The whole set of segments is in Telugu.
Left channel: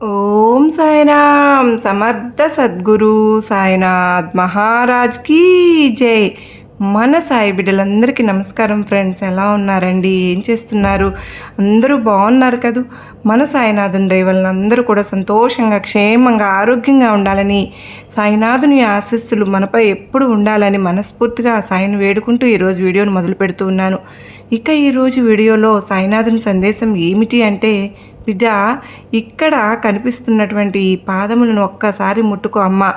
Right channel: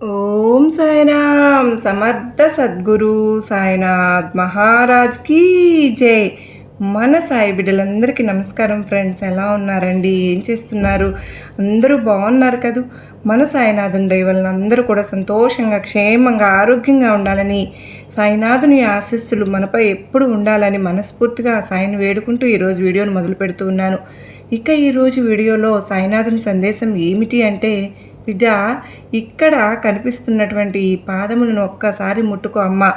ఓం సాయిరామ్ సమర్థ సద్గురు సాయినాథ్ మహారాజ్ కీ జై. మన సాయి బిడ్డలందరికీ నమస్కారం ఫ్రెండ్స్ ఎలా ఉన్నారండి? ఏం చేస్తున్నారు? అందరూ బాగున్నారు కదూ? మన సాయినాథుని దయవలన అందరూ కూడా సంతోషంగా క్షేమంగా ఆరోగ్యంగా ఉండాలని సాయినాథుని ఆశస్సులు మనపై ఎప్పుడు ఉండాలని మనస్ఫూర్తిగా సాయిని వేడుకుంటూ ఈరోజు వీడియోను మొదలు పెడుతూ ఉన్నాను. ఇక ఈరోజు వీడియోలో సాయినాథుని సందేశం ఏమిటి అంటే బిడ్డ ఇక్కడ కనిపిస్తున్నటువంటి ఈ పాదములను ఒక్కసారి ముట్టుకో అమ్మ.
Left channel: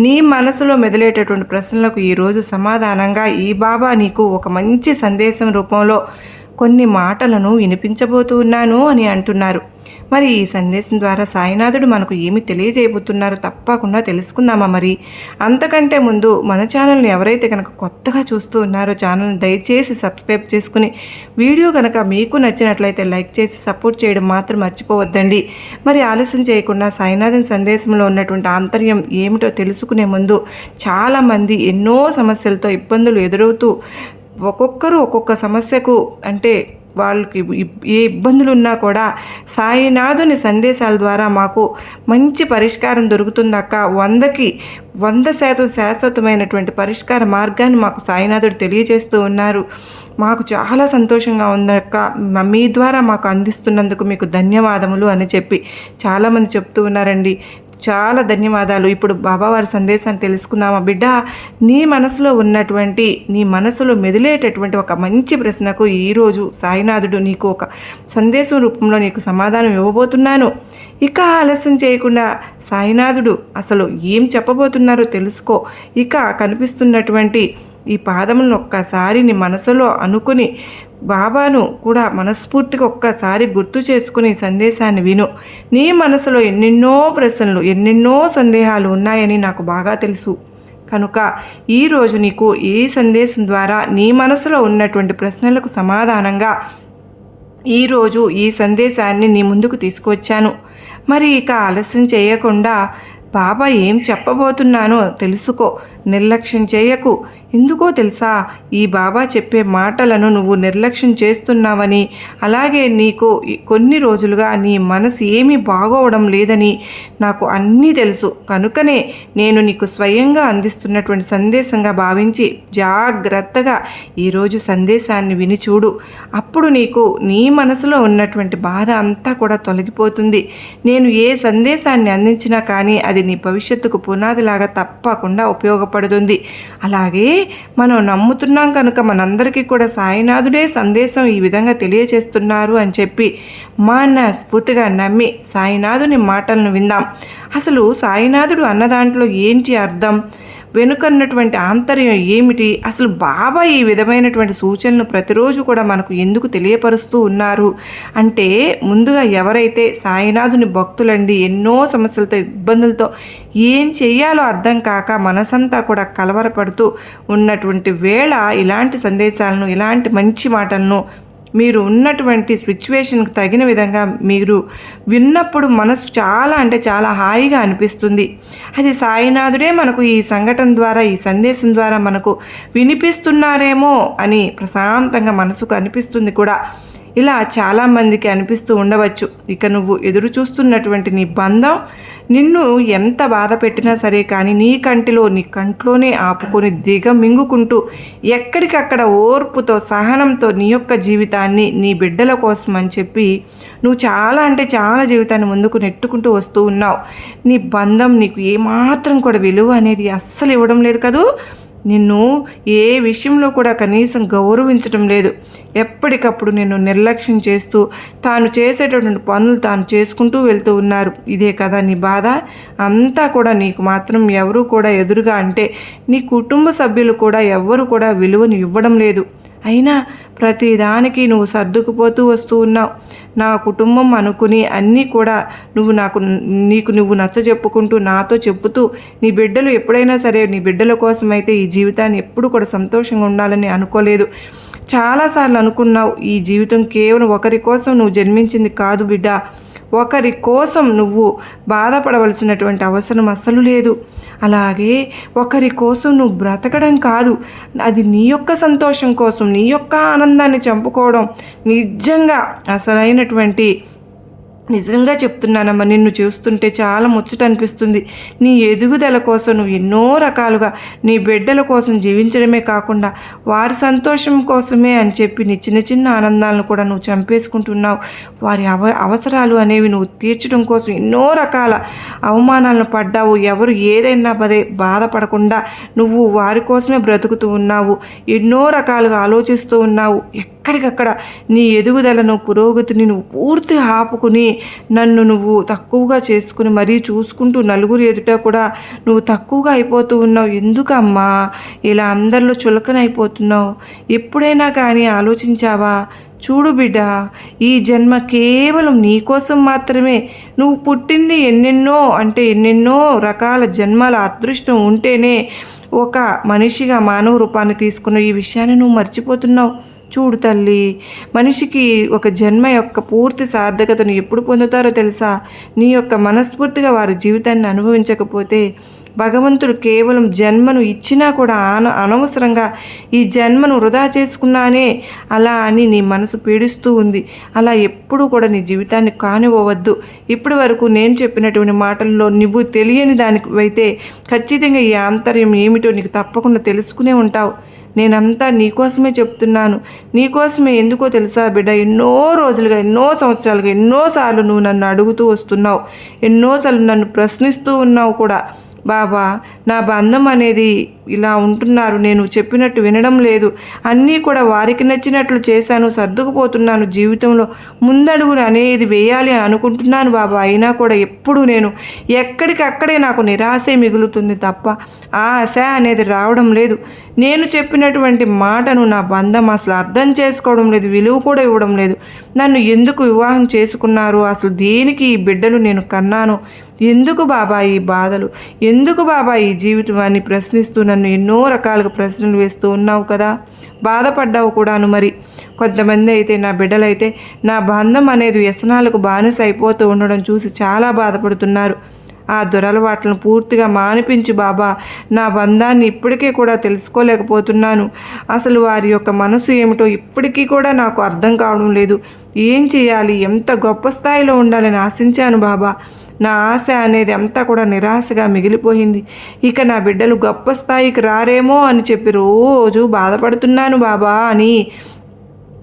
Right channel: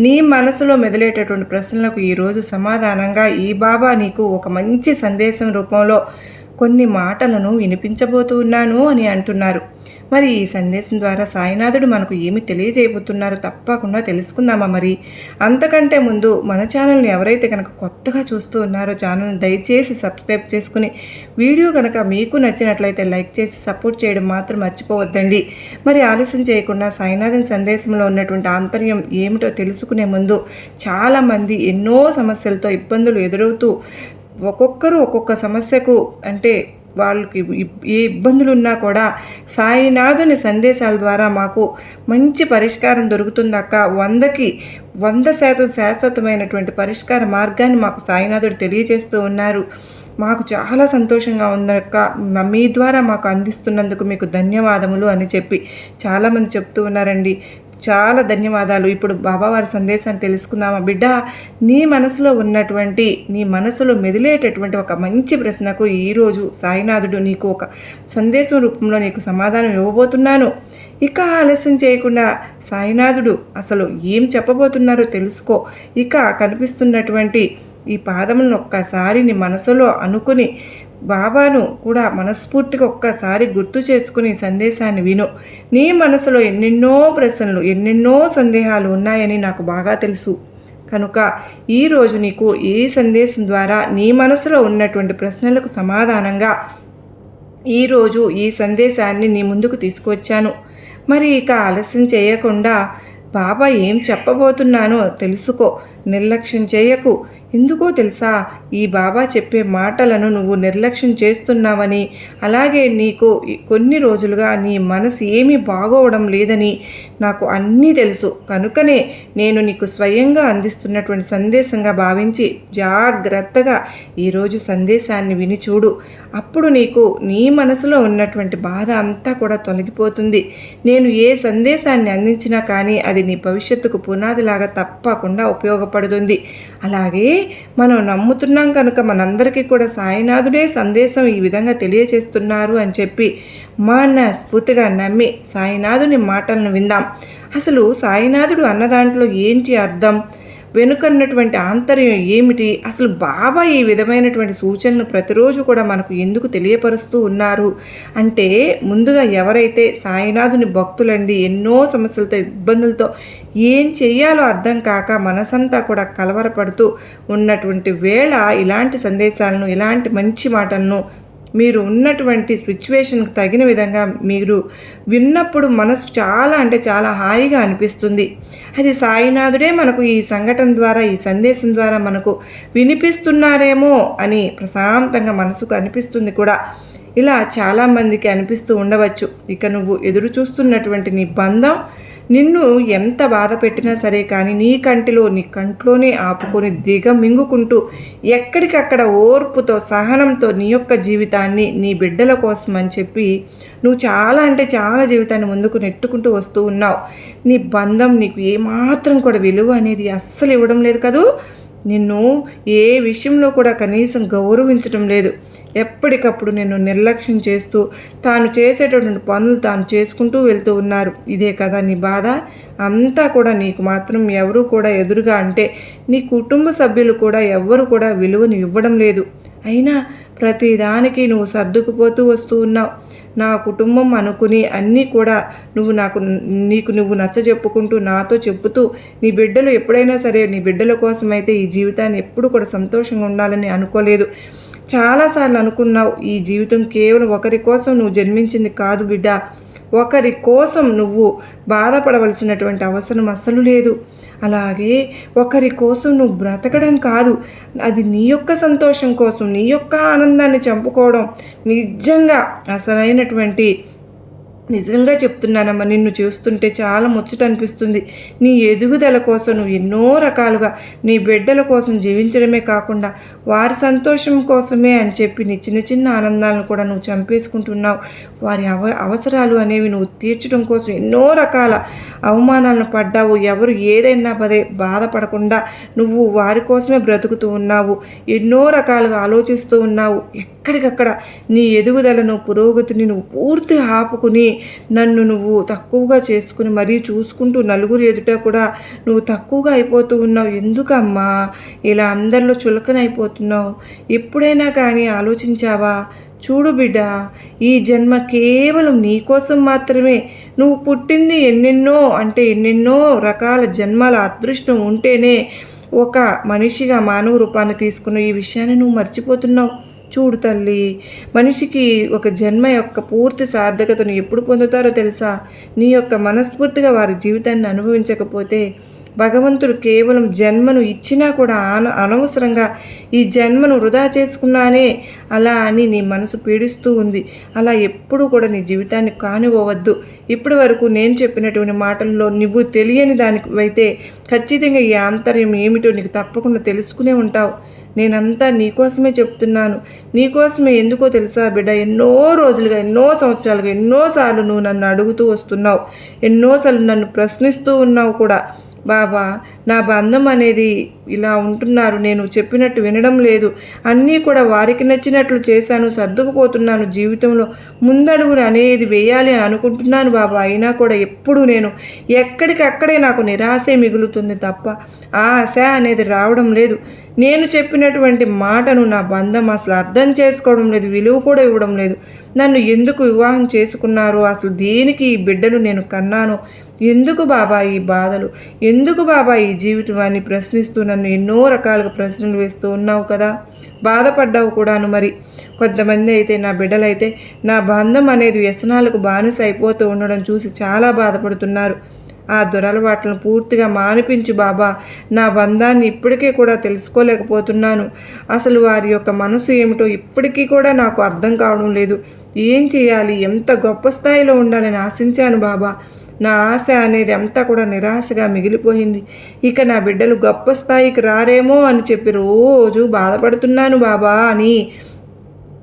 నీ మనసులో మెదిలేటటువంటి ప్రశ్నలకు ఈరోజు సమాధానంగా ఈ బాబా నీకు ఒక మంచి సందేశం రూపంలో కొన్ని మాటలను వినిపించబోతూ ఉన్నాను అని అంటున్నారు. మరి ఈ సందేశం ద్వారా సాయినాథుడు మనకు ఏమి తెలియజేయబోతున్నారో తప్పకుండా తెలుసుకుందామా మరి. అంతకంటే ముందు మన ఛానల్ని ఎవరైతే కనుక కొత్తగా చూస్తూ ఉన్నారో ఛానల్ని దయచేసి సబ్స్క్రైబ్ చేసుకుని వీడియో కనుక మీకు నచ్చినట్లయితే లైక్ చేసి సపోర్ట్ చేయడం మాత్రం మర్చిపోవద్దండి. మరి ఆలస్యం చేయకుండా సాయినాథుని సందేశంలో ఉన్నటువంటి ఆంతర్యం ఏమిటో తెలుసుకునే ముందు చాలామంది ఎన్నో సమస్యలతో ఇబ్బందులు ఎదురవుతూ ఒక్కొక్కరు ఒక్కొక్క సమస్యకు అంటే వాళ్ళకి ఏ ఇబ్బందులు ఉన్నా కూడా సాయినాథుని సందేశాల ద్వారా మాకు మంచి పరిష్కారం దొరుకుతుందక్క. వందకి వంద శాతం శాశ్వతమైనటువంటి పరిష్కార మార్గాన్ని మాకు సాయినాథుడు తెలియజేస్తూ ఉన్నారు. మాకు చాలా సంతోషంగా ఉందక్క. మీ ద్వారా మాకు అందిస్తున్నందుకు మీకు ధన్యవాదములు అని చెప్పి చాలామంది చెప్తూ ఉన్నారండి. చాలా ధన్యవాదాలు. ఇప్పుడు బాబావారి సందేశాన్ని తెలుసుకుందామా? బిడ్డ నీ మనసులో ఉన్నటువంటి నీ మనసులో మెదిలేటటువంటి ఒక మంచి ప్రశ్నకు ఈరోజు సాయినాథుడు నీకు ఒక సందేశం రూపంలో నీకు సమాధానం ఇవ్వబోతున్నాను. ఇక ఆలస్యం చేయకుండా సాయినాథుడు అసలు ఏం చెప్పబోతున్నారో తెలుసుకో. ఇక కనిపిస్తున్నటువంటి ఈ పాదములను ఒక్కసారి నీ మనసులో అనుకుని బాబాను కూడా మనస్ఫూర్తిగా ఒక్కసారి గుర్తు చేసుకుని సందేశాన్ని విను. నీ మనసులో ఎన్నెన్నో ప్రశ్నలు ఎన్నెన్నో సందేహాలు ఉన్నాయని నాకు బాగా తెలుసు. కనుక ఈరోజు నీకు ఈ సందేశం ద్వారా నీ మనసులో ఉన్నటువంటి ప్రశ్నలకు సమాధానంగా ఈరోజు ఈ సందేశాన్ని నీ ముందుకు తీసుకువచ్చాను. మరి ఇక ఆలస్యం చేయకుండా బాబా ఏం చెప్పబోతున్నానో తెలుసుకో. నిర్లక్ష్యం చేయకు. ఎందుకో తెలుసా? ఈ బాబా చెప్పే మాటలను నువ్వు నిర్లక్ష్యం చేస్తున్నావని. అలాగే నీకు కొన్ని రోజులుగా నీ మనసు ఏమీ బాగోవడం లేదని నాకు అన్నీ తెలుసు. కనుకనే నేను నీకు స్వయంగా అందిస్తున్నటువంటి సందేశంగా భావించి జాగ్రత్తగా ఈరోజు సందేశాన్ని విని చూడు. అప్పుడు నీకు నీ మనసులో ఉన్నటువంటి బాధ అంతా కూడా తొలగిపోతుంది. నేను ఏ సందేశాన్ని అందించినా కానీ అది నీ భవిష్యత్తుకు పునాదిలాగా తప్పకుండా ఉపయోగపడుతుంది. అలాగే మనం నమ్ముతున్నాం కనుక మనందరికీ కూడా సాయినాథుడే సందేశం ఈ విధంగా తెలియచేస్తున్నారు అని చెప్పి మనస్ఫూర్తిగా నమ్మి సాయినాథుని మాటలను విందాం. అసలు సాయినాథుడు అన్న దాంట్లో ఏంటి అర్థం? వెనుకన్నటువంటి ఆంతర్యం ఏమిటి? అసలు బాబా ఈ విధమైనటువంటి సూచనలు ప్రతిరోజు కూడా మనకు ఎందుకు తెలియపరుస్తూ ఉన్నారు? అంటే ముందుగా ఎవరైతే సాయినాథుని భక్తులండి ఎన్నో సమస్యలతో ఇబ్బందులతో ఏం చేయాలో అర్థం కాక మనసంతా కూడా కలవరపడుతూ ఉన్నటువంటి వేళ ఇలాంటి సందేశాలను ఇలాంటి మంచి మాటలను మీరు ఉన్నటువంటి సిచ్యువేషన్కి తగిన విధంగా మీరు విన్నప్పుడు మనసు చాలా అంటే చాలా హాయిగా అనిపిస్తుంది. అది సాయినాథుడే మనకు ఈ సంఘటన ద్వారా ఈ సందేశం ద్వారా మనకు వినిపిస్తున్నారేమో అని ప్రశాంతంగా మనసుకు అనిపిస్తుంది కూడా. ఇలా చాలామందికి అనిపిస్తూ ఉండవచ్చు. ఇక నువ్వు ఎదురు చూస్తున్నటువంటి నీ బంధం నిన్ను ఎంత బాధ పెట్టినా సరే కానీ నీ కంటిలో నీ కంట్లోనే ఆపుకొని దిగ మింగుకుంటూ ఎక్కడికక్కడ ఓర్పుతో సహనంతో నీ యొక్క జీవితాన్ని నీ బిడ్డల కోసం అని చెప్పి నువ్వు చాలా అంటే చాలా జీవితాన్ని ముందుకు నెట్టుకుంటూ వస్తూ ఉన్నావు. నీ బంధం నీకు ఏమాత్రం కూడా విలువ అనేది అస్సలు ఇవ్వడం లేదు కదూ. నిన్ను ఏ విషయంలో కూడా కనీసం గౌరవించడం లేదు. ఎప్పటికప్పుడు నిన్ను నిర్లక్ష్యం చేస్తూ తాను చేసేటటువంటి పనులు తాను చేసుకుంటూ వెళ్తూ ఉన్నారు. ఇదే కదా నీ బాధ? అంతా కూడా నీకు మాత్రం ఎవరూ కూడా ఎదురుగా అంటే నీ కుటుంబ సభ్యులు కూడా ఎవ్వరు కూడా విలువను ఇవ్వడం లేదు. అయినా ప్రతిదానికి నువ్వు సర్దుకుపోతూ వస్తూ ఉన్నావు. నా కుటుంబం అనుకుని అన్నీ కూడా నువ్వు నాకు నీకు నువ్వు నచ్చ చెప్పుకుంటూ నాతో చెప్పుతూ నీ బిడ్డలు ఎప్పుడైనా సరే నీ బిడ్డల కోసమైతే ఈ జీవితాన్ని ఎప్పుడు కూడా సంతోషంగా ఉండాలని అనుకోలేదు. చాలాసార్లు అనుకున్నావు ఈ జీవితం కేవలం ఒకరి కోసం నువ్వు జన్మించింది కాదు బిడ్డ. ఒకరి కోసం నువ్వు బాధపడవలసినటువంటి అవసరం అస్సలు లేదు. అలాగే ఒకరి కోసం నువ్వు బ్రతకడం కాదు. అది నీ యొక్క సంతోషం కోసం నీ యొక్క ఆనందాన్ని చంపుకోవడం నిజంగా అసలైనటువంటి నిజంగా చెప్తున్నానమ్మా నిన్ను చూస్తుంటే చాలా ముచ్చట అనిపిస్తుంది. నీ ఎదుగుదల కోసం నువ్వు ఎన్నో రకాలుగా నీ బిడ్డల కోసం జీవించడమే కాకుండా వారి సంతోషం కోసమే అని చెప్పి నీ చిన్న చిన్న ఆనందాలను కూడా నువ్వు చంపేసుకుంటున్నావు. వారి అవ అవసరాలు అనేవి నువ్వు తీర్చడం కోసం ఎన్నో రకాల అవమానాలను పడ్డావు. ఎవరు ఏదైనా పదే బాధపడకుండా నువ్వు వారి కోసమే బ్రతుకుతూ ఉన్నావు. ఎన్నో రకాలుగా ఆలోచిస్తూ ఉన్నావు. ఎక్కడికక్కడ నీ ఎదుగుదలను పురోగతిని నువ్వు పూర్తి ఆపుకుని నన్ను నువ్వు తక్కువగా చేసుకుని మరీ చూసుకుంటూ నలుగురు ఎదుట కూడా నువ్వు తక్కువగా అయిపోతూ ఉన్నావు. ఎందుకమ్మా? ఇలా అందరిలో చులకనైపోతున్నావు. ఎప్పుడైనా కానీ ఆలోచించావా? చూడు బిడ్డ ఈ జన్మ కేవలం నీకోసం మాత్రమే. నువ్వు పుట్టింది ఎన్నెన్నో అంటే ఎన్నెన్నో రకాల జన్మల అదృష్టం ఉంటేనే ఒక మనిషిగా మానవ రూపాన్ని తీసుకున్న ఈ విషయాన్ని నువ్వు మర్చిపోతున్నావు. చూడు తల్లి మనిషికి ఒక జన్మ యొక్క పూర్తి సార్థకతను ఎప్పుడు పొందుతారో తెలుసా? నీ యొక్క మనస్ఫూర్తిగా వారి జీవితాన్ని అనుభవించకపోతే భగవంతుడు కేవలం జన్మను ఇచ్చినా కూడా ఆన అనవసరంగా ఈ జన్మను వృధా చేసుకున్నానే అలా అని నీ మనసు పీడిస్తూ ఉంది. అలా ఎప్పుడూ కూడా నీ జీవితాన్ని కానివ్వవద్దు. ఇప్పటి వరకు నేను చెప్పినటువంటి మాటల్లో నువ్వు తెలియని దానివైతే ఖచ్చితంగా ఈ ఆంతర్యం ఏమిటో నీకు తప్పకుండా తెలుసుకునే ఉంటావు. నేనంతా నీకోసమే చెప్తున్నాను. నీకోసమే ఎందుకో తెలుసా బిడ్డ? ఎన్నో రోజులుగా ఎన్నో సంవత్సరాలుగా ఎన్నోసార్లు నువ్వు నన్ను అడుగుతూ వస్తున్నావు. ఎన్నోసార్లు నన్ను ప్రశ్నిస్తూ ఉన్నావు కూడా. బాబా నా బంధం అనేది ఇలా ఉంటున్నారు నేను చెప్పినట్టు వినడం లేదు. అన్నీ కూడా వారికి నచ్చినట్లు చేశాను సర్దుకుపోతున్నాను జీవితంలో. ముందడుగులు అనేది వేయాలి అని అనుకుంటున్నాను బాబా. అయినా కూడా ఎప్పుడు నేను ఎక్కడికక్కడే నాకు నిరాశే మిగులుతుంది తప్ప ఆ ఆశ అనేది రావడం లేదు. నేను చెప్పినటువంటి మాటను నా బంధం అసలు అర్థం చేసుకోవడం లేదు విలువ కూడా ఇవ్వడం లేదు. నన్ను ఎందుకు వివాహం చేసుకున్నారు? అసలు దేనికి ఈ బిడ్డలు నేను కన్నాను? ఎందుకు బాబా ఈ బాధలు? ఎందుకు బాబా ఈ జీవితం అని ప్రశ్నిస్తూ నన్ను ఎన్నో రకాలుగా ప్రశ్నలు వేస్తూ ఉన్నావు కదా. బాధపడ్డావు కూడాను మరి. కొంతమంది అయితే నా బిడ్డలైతే నా బంధం అనేది వ్యసనాలకు బానిస అయిపోతూ ఉండడం చూసి చాలా బాధపడుతున్నారు. ఆ దురలవాట్లను పూర్తిగా మానిపించి బాబా. నా బంధాన్ని ఇప్పటికీ కూడా తెలుసుకోలేకపోతున్నాను. అసలు వారి యొక్క మనసు ఏమిటో ఇప్పటికీ కూడా నాకు అర్థం కావడం లేదు. ఏం చేయాలి? ఎంత గొప్ప స్థాయిలో ఉండాలని ఆశించాను బాబా. నా ఆశ అనేది అంతా కూడా నిరాశగా మిగిలిపోయింది. ఇక నా బిడ్డలు గొప్ప స్థాయికి రారేమో అని చెప్పి రోజు బాధపడుతున్నాను బాబా అని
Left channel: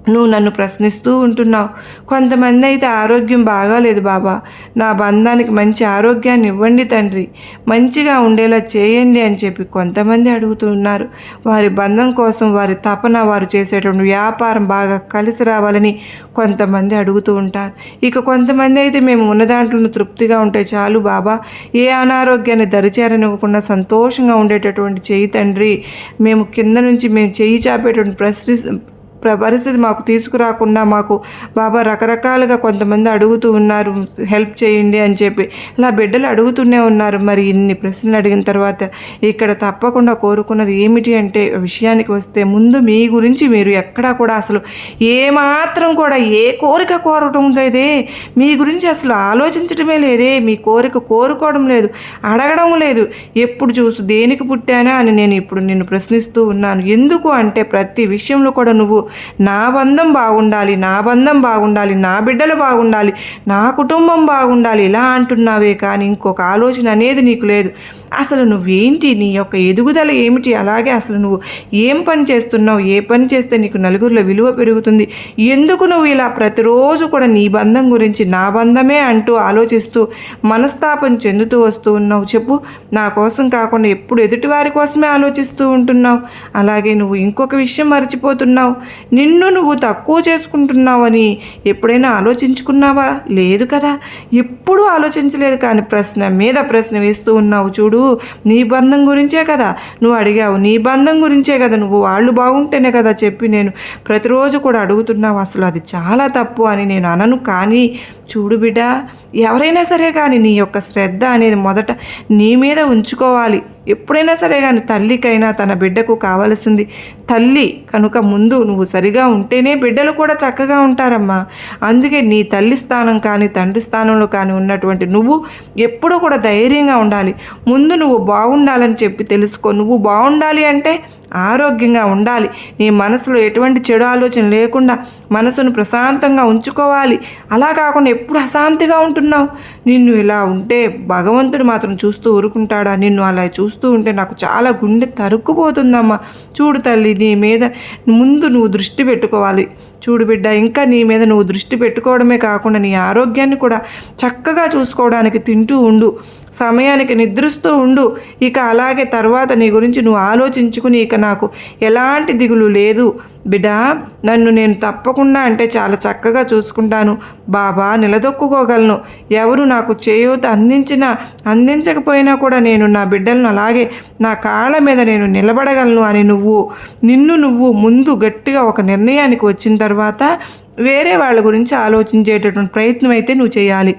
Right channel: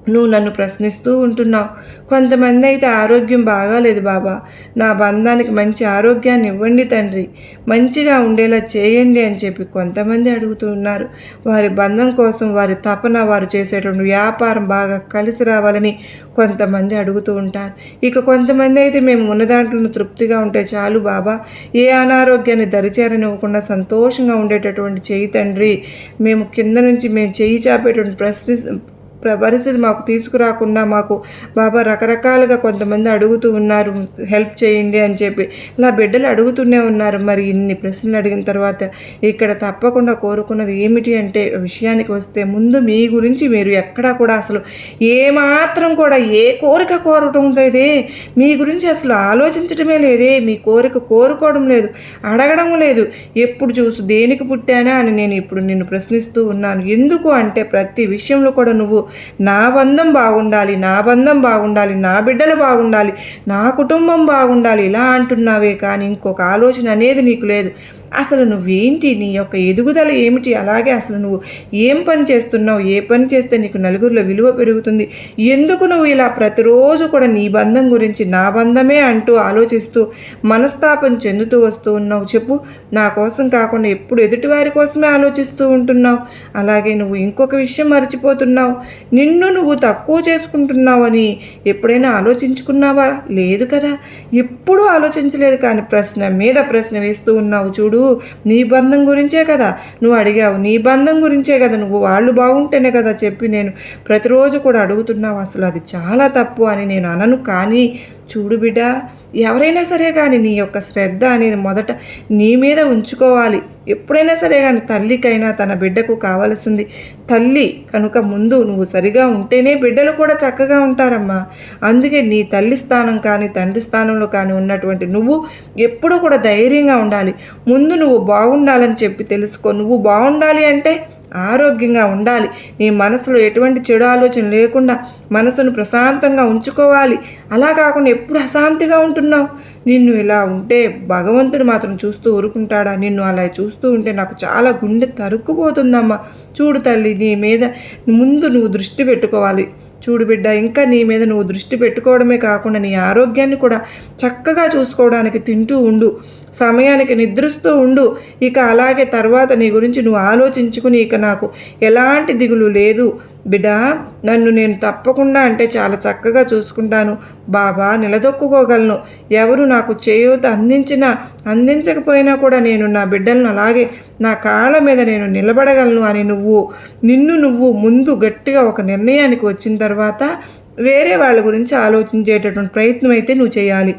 నువ్వు నన్ను ప్రశ్నిస్తూ ఉంటున్నావు. కొంతమంది అయితే ఆరోగ్యం బాగాలేదు బాబా. నా బంధానికి మంచి ఆరోగ్యాన్ని ఇవ్వండి తండ్రి. మంచిగా ఉండేలా చేయండి అని చెప్పి కొంతమంది అడుగుతున్నారు. వారి బంధం కోసం వారి తపన వారు చేసేటువంటి వ్యాపారం బాగా కలిసి రావాలని కొంతమంది అడుగుతూ ఉంటారు. ఇక కొంతమంది అయితే మేము ఉన్న దాంట్లో తృప్తిగా ఉంటే చాలు బాబా. ఏ అనారోగ్యాన్ని దరిచేరనివ్వకుండా సంతోషంగా ఉండేటటువంటి చేయి తండ్రి. మేము కింద నుంచి మేము చేయి చాపేటువంటి ప్రశ్ని పరిస్థితి మాకు తీసుకురాకుండా మాకు బాబా రకరకాలుగా కొంతమంది అడుగుతూ ఉన్నారు హెల్ప్ చేయండి అని చెప్పి. ఇలా బిడ్డలు అడుగుతూనే ఉన్నారు. మరి ఇన్ని ప్రశ్నలు అడిగిన తర్వాత ఇక్కడ తప్పకుండా కోరుకున్నది ఏమిటి అంటే విషయానికి వస్తే ముందు మీ గురించి మీరు ఎక్కడా కూడా అసలు ఏమాత్రం కూడా ఏ కోరిక కోరటం లేదే. మీ గురించి అసలు ఆలోచించడమే లేదే. మీ కోరిక కోరుకోవడం లేదు అడగడం లేదు. ఎప్పుడు చూసు దేనికి పుట్టానా అని నేను ఇప్పుడు నిన్ను ప్రశ్నిస్తూ ఉన్నాను. ఎందుకు అంటే ప్రతి విషయంలో కూడా నువ్వు నా బంధం బాగుండాలి నా బంధం బాగుండాలి నా బిడ్డలు బాగుండాలి నా కుటుంబం బాగుండాలి ఇలా అంటున్నావే. కానీ ఇంకొక ఆలోచన అనేది నీకు లేదు. అసలు నువ్వేంటి నీ యొక్క ఎదుగుదల ఏమిటి? అలాగే అసలు నువ్వు ఏం పని చేస్తున్నావు? ఏ పని చేస్తే నీకు నలుగురిలో విలువ పెరుగుతుంది? ఎందుకు నువ్వు ఇలా ప్రతిరోజు కూడా నీ బంధం గురించి నా బంధమే అంటూ ఆలోచిస్తూ మనస్తాపం చెందుతూ వస్తూ ఉన్నావు? చెప్పు. నా కోసం కాకుండా ఎప్పుడు ఎదుటివారి కోసమే ఆలోచిస్తూ ఉంటున్నావు. అలాగే నువ్వు ఇంకొక విషయం మర్చిపోతున్నావు. నిన్ను నువ్వు తక్కువ చేసుకుంటున్నావని ఎప్పుడైనా ఆలోచించుకున్నావా? లేదు కదా. ఎప్పుడూ ఆలోచించలేదు కానీ ప్రశ్న మీద ప్రశ్న వేస్తూ ఉన్నావు. చూడు. నీ బంధం గురించే కదా నువ్వు అడిగావు. నీ బంధం గురించే కదా నువ్వు. వాళ్ళు బాగుంటేనే కదా చెప్పి నేను ప్రతిరోజు కూడా అడుగుతున్నావు. అసలు అది చాలా తప్పు అని నేను అనను కానీ చూడు బిడ్డ ఎవరైనా సరే కానీ నీ యొక్క శ్రద్ధ అనేది మొదట నీ మీద ఉంచుకోవాలి. ఎప్పుడైనా సరే కానీ తల్లికైనా తన బిడ్డకు కావలసింది. తల్లి కనుక ముందు నువ్వు సరిగా ఉంటేనే బిడ్డలు కూడా చక్కగా ఉంటారమ్మా. అందుకే నీ తల్లి స్థానం కానీ తండ్రి స్థానంలో కానీ ఉన్నటువంటి నువ్వు ఎప్పుడూ కూడా ధైర్యంగా ఉండాలి. ముందు నువ్వు బాగుండాలని చెప్పి తెలుసుకో. నువ్వు బాగుండాలి అంటే ఆరోగ్యంగా ఉండాలి. నీ మనసులో ఎటువంటి చెడు ఆలోచన లేకుండా మనసును ప్రశాంతంగా ఉంచుకోవాలి. అలా కాకుండా ఎప్పుడు అశాంతిగా ఉంటున్నావు? నిన్ను ఇలా ఉంటే భగవంతుడు మాత్రం చూస్తూ ఊరుకుంటాడా? నిన్ను అలా చూస్తూ ఉంటే నాకు చాలా గుండె తరుక్కుపోతుందమ్మా. చూడు తల్లి నీ మీద ముందు నువ్వు దృష్టి పెట్టుకోవాలి. చూడు బిడ్డ ఇంకా నీ మీద నువ్వు దృష్టి పెట్టుకోవడమే కాకుండా నీ ఆరోగ్యాన్ని కూడా చక్కగా చూసుకోవడానికి తింటూ ఉండు. సమయానికి నిద్రిస్తూ ఉండు. ఇక అలాగే తర్వాత నీ గురించి నువ్వు ఆలోచించుకుని ఇక నాకు ఎలాంటి దిగులు లేదు. బిడ్డ నన్ను నేను తప్పకుండా అంటే చాలా చక్కగా చూసుకుంటాను. బాబా నిలదొక్కుకోగలను. ఎవరు నాకు చేయూత అందించినా అందించకపోయినా కూడా నేను నా బిడ్డలను అలాగే నా కాళ్ళ మీద నేను నిలబడగలను అని నువ్వు నిన్ను నువ్వు ముందు గట్టిగా ఒక నిర్ణయానికి వచ్చిన తర్వాత వేరే వాళ్ళ గురించి ఆలోచించేటటువంటి ప్రయత్నం అయితే నువ్వు చేయాలి.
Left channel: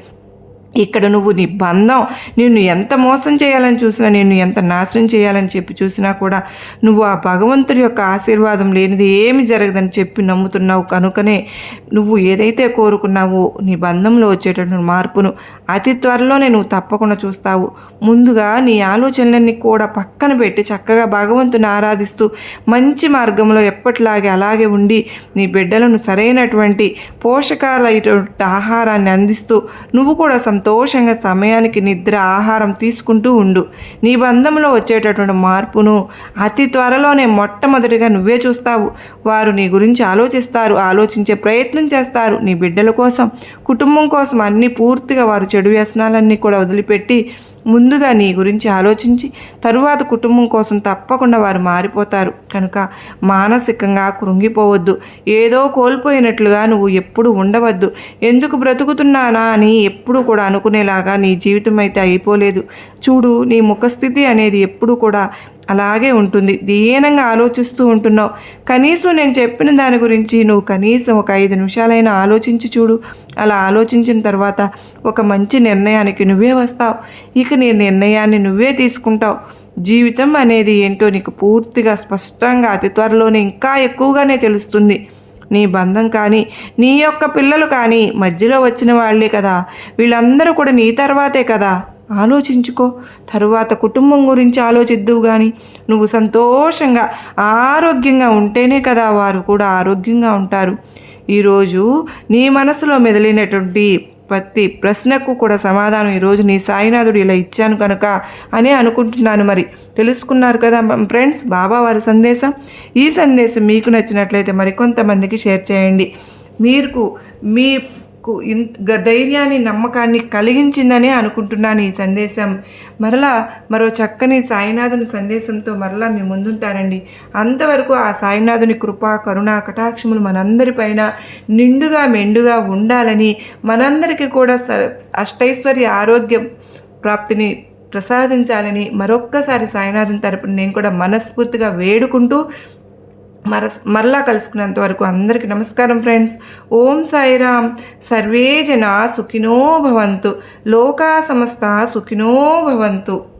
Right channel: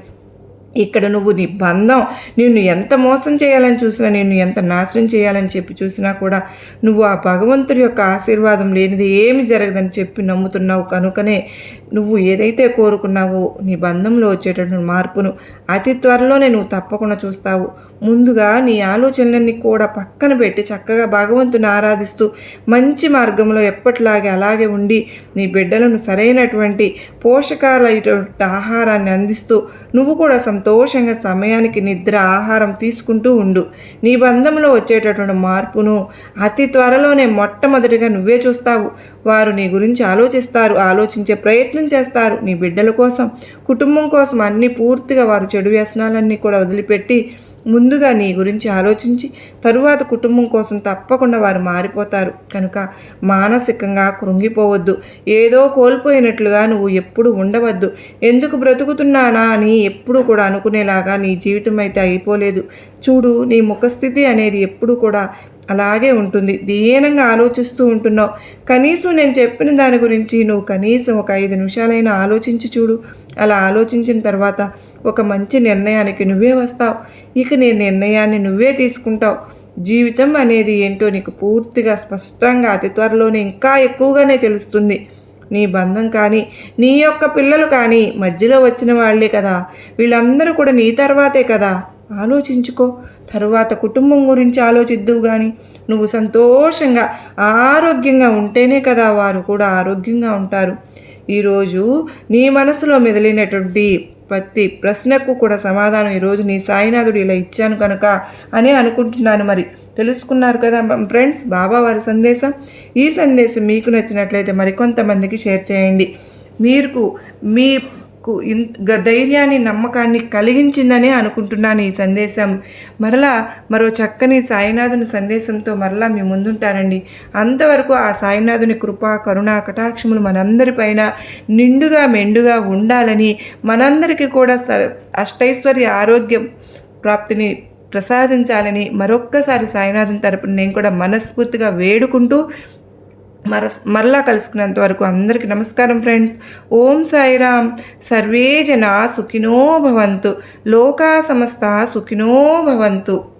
ఇక్కడ నువ్వు నీ బంధం నిన్ను ఎంత మోసం చేయాలని చూసినా నిన్ను ఎంత నాశనం చేయాలని చెప్పి చూసినా కూడా నువ్వు ఆ భగవంతుడి యొక్క ఆశీర్వాదం లేనిది ఏమి జరగదని చెప్పి నమ్ముతున్నావు కనుకనే నువ్వు ఏదైతే కోరుకున్నావో నీ బంధంలో వచ్చేటటువంటి మార్పును అతి త్వరలోనే నువ్వు తప్పకుండా చూస్తావు. ముందుగా నీ ఆలోచనలన్నీ కూడా పక్కన పెట్టి చక్కగా భగవంతుని ఆరాధిస్తూ మంచి మార్గంలో ఎప్పటిలాగే అలాగే ఉండి నీ బిడ్డలను సరైనటువంటి పోషకాలైనటువంటి ఆహారాన్ని అందిస్తూ నువ్వు కూడా సంతోషంగా సమయానికి నిద్ర ఆహారం తీసుకుంటూ ఉండు. నీ బంధంలో వచ్చేటటువంటి మార్పును అతి త్వరలోనే మొట్టమొదటిగా నువ్వే చూస్తావు. వారు నీ గురించి ఆలోచిస్తారు ఆలోచించే ప్రయత్నం చేస్తారు. నీ బిడ్డల కోసం కుటుంబం కోసం అన్నీ పూర్తిగా వారు చెడు వ్యసనాలన్నీ కూడా వదిలిపెట్టి ముందుగా నీ గురించి ఆలోచించి తరువాత కుటుంబం కోసం తప్పకుండా వారు మారిపోతారు. కనుక మానసికంగా కృంగిపోవద్దు. ఏదో కోల్పోయినట్లుగా నువ్వు ఎప్పుడు ఉండవద్దు. ఎందుకు బ్రతుకుతున్నానా అని ఎప్పుడు కూడా అనుకునేలాగా నీ జీవితం అయితే అయిపోలేదు. చూడు నీ ముఖస్థితి అనేది ఎప్పుడు కూడా అలాగే ఉంటుంది. దీనంగా ఆలోచిస్తూ ఉంటున్నావు. కనీసం నేను చెప్పిన దాని గురించి నువ్వు కనీసం ఒక ఐదు నిమిషాలైనా ఆలోచించి చూడు. అలా ఆలోచించిన తర్వాత ఒక మంచి నిర్ణయానికి నువ్వే వస్తావు. ఇక నీ నిర్ణయాన్ని నువ్వే తీసుకుంటావు. జీవితం అనేది ఏంటో నీకు పూర్తిగా స్పష్టంగా అతి త్వరలోనే ఇంకా ఎక్కువగానే తెలుస్తుంది. నీ బంధం కానీ నీ యొక్క పిల్లలు కానీ మధ్యలో వచ్చిన వాళ్ళే కదా. వీళ్ళందరూ కూడా నీ తర్వాతే కదా. ఆలోచించుకో. తరువాత కుటుంబం గురించి ఆలోచిద్దువు కానీ నువ్వు సంతోషంగా ఆరోగ్యంగా ఉంటేనే కదా వారు కూడా ఆరోగ్యంగా ఉంటారు. ఈరోజు నీ మనసులో మెదిలినటువంటి ప్రతి ప్రశ్నకు కూడా సమాధానం ఈరోజు నీ సాయినాథుడు ఇలా ఇచ్చాను కనుక అని అనుకుంటున్నాను మరి. తెలుసుకున్నారు కదా ఫ్రెండ్స్ బాబా వారి సందేశం. ఈ సందేశం మీకు నచ్చినట్లయితే మరికొంతమందికి షేర్ చేయండి. మీకు మీ ధైర్యాన్ని నమ్మకాన్ని కలిగించిందనే అనుకుంటున్నాను ఈ సందేశం. మరలా మరో చక్కని సాయినాథుని సందేశంతో మరలా మీ ముందుంటానండి. అంతవరకు ఆ సాయినాథుని కృప కరుణ కటాక్షములు మనందరిపైన నిండుగా మెండుగా ఉండాలని మనందరికీ కూడా స అష్టైశ్వర్య ఆరోగ్యం ప్రాప్తిని ప్రసాదించాలని మరొక్కసారి సాయినాథుని తరపున నేను కూడా మనస్ఫూర్తిగా వేడుకుంటూ మర మరలా కలుసుకున్నంత వరకు అందరికీ నమస్కారం ఫ్రెండ్స్. ఓం సాయిరామ్. సర్వే జన సుఖినో భవంతు. లోకా సమస్త సుఖినో భవంతు.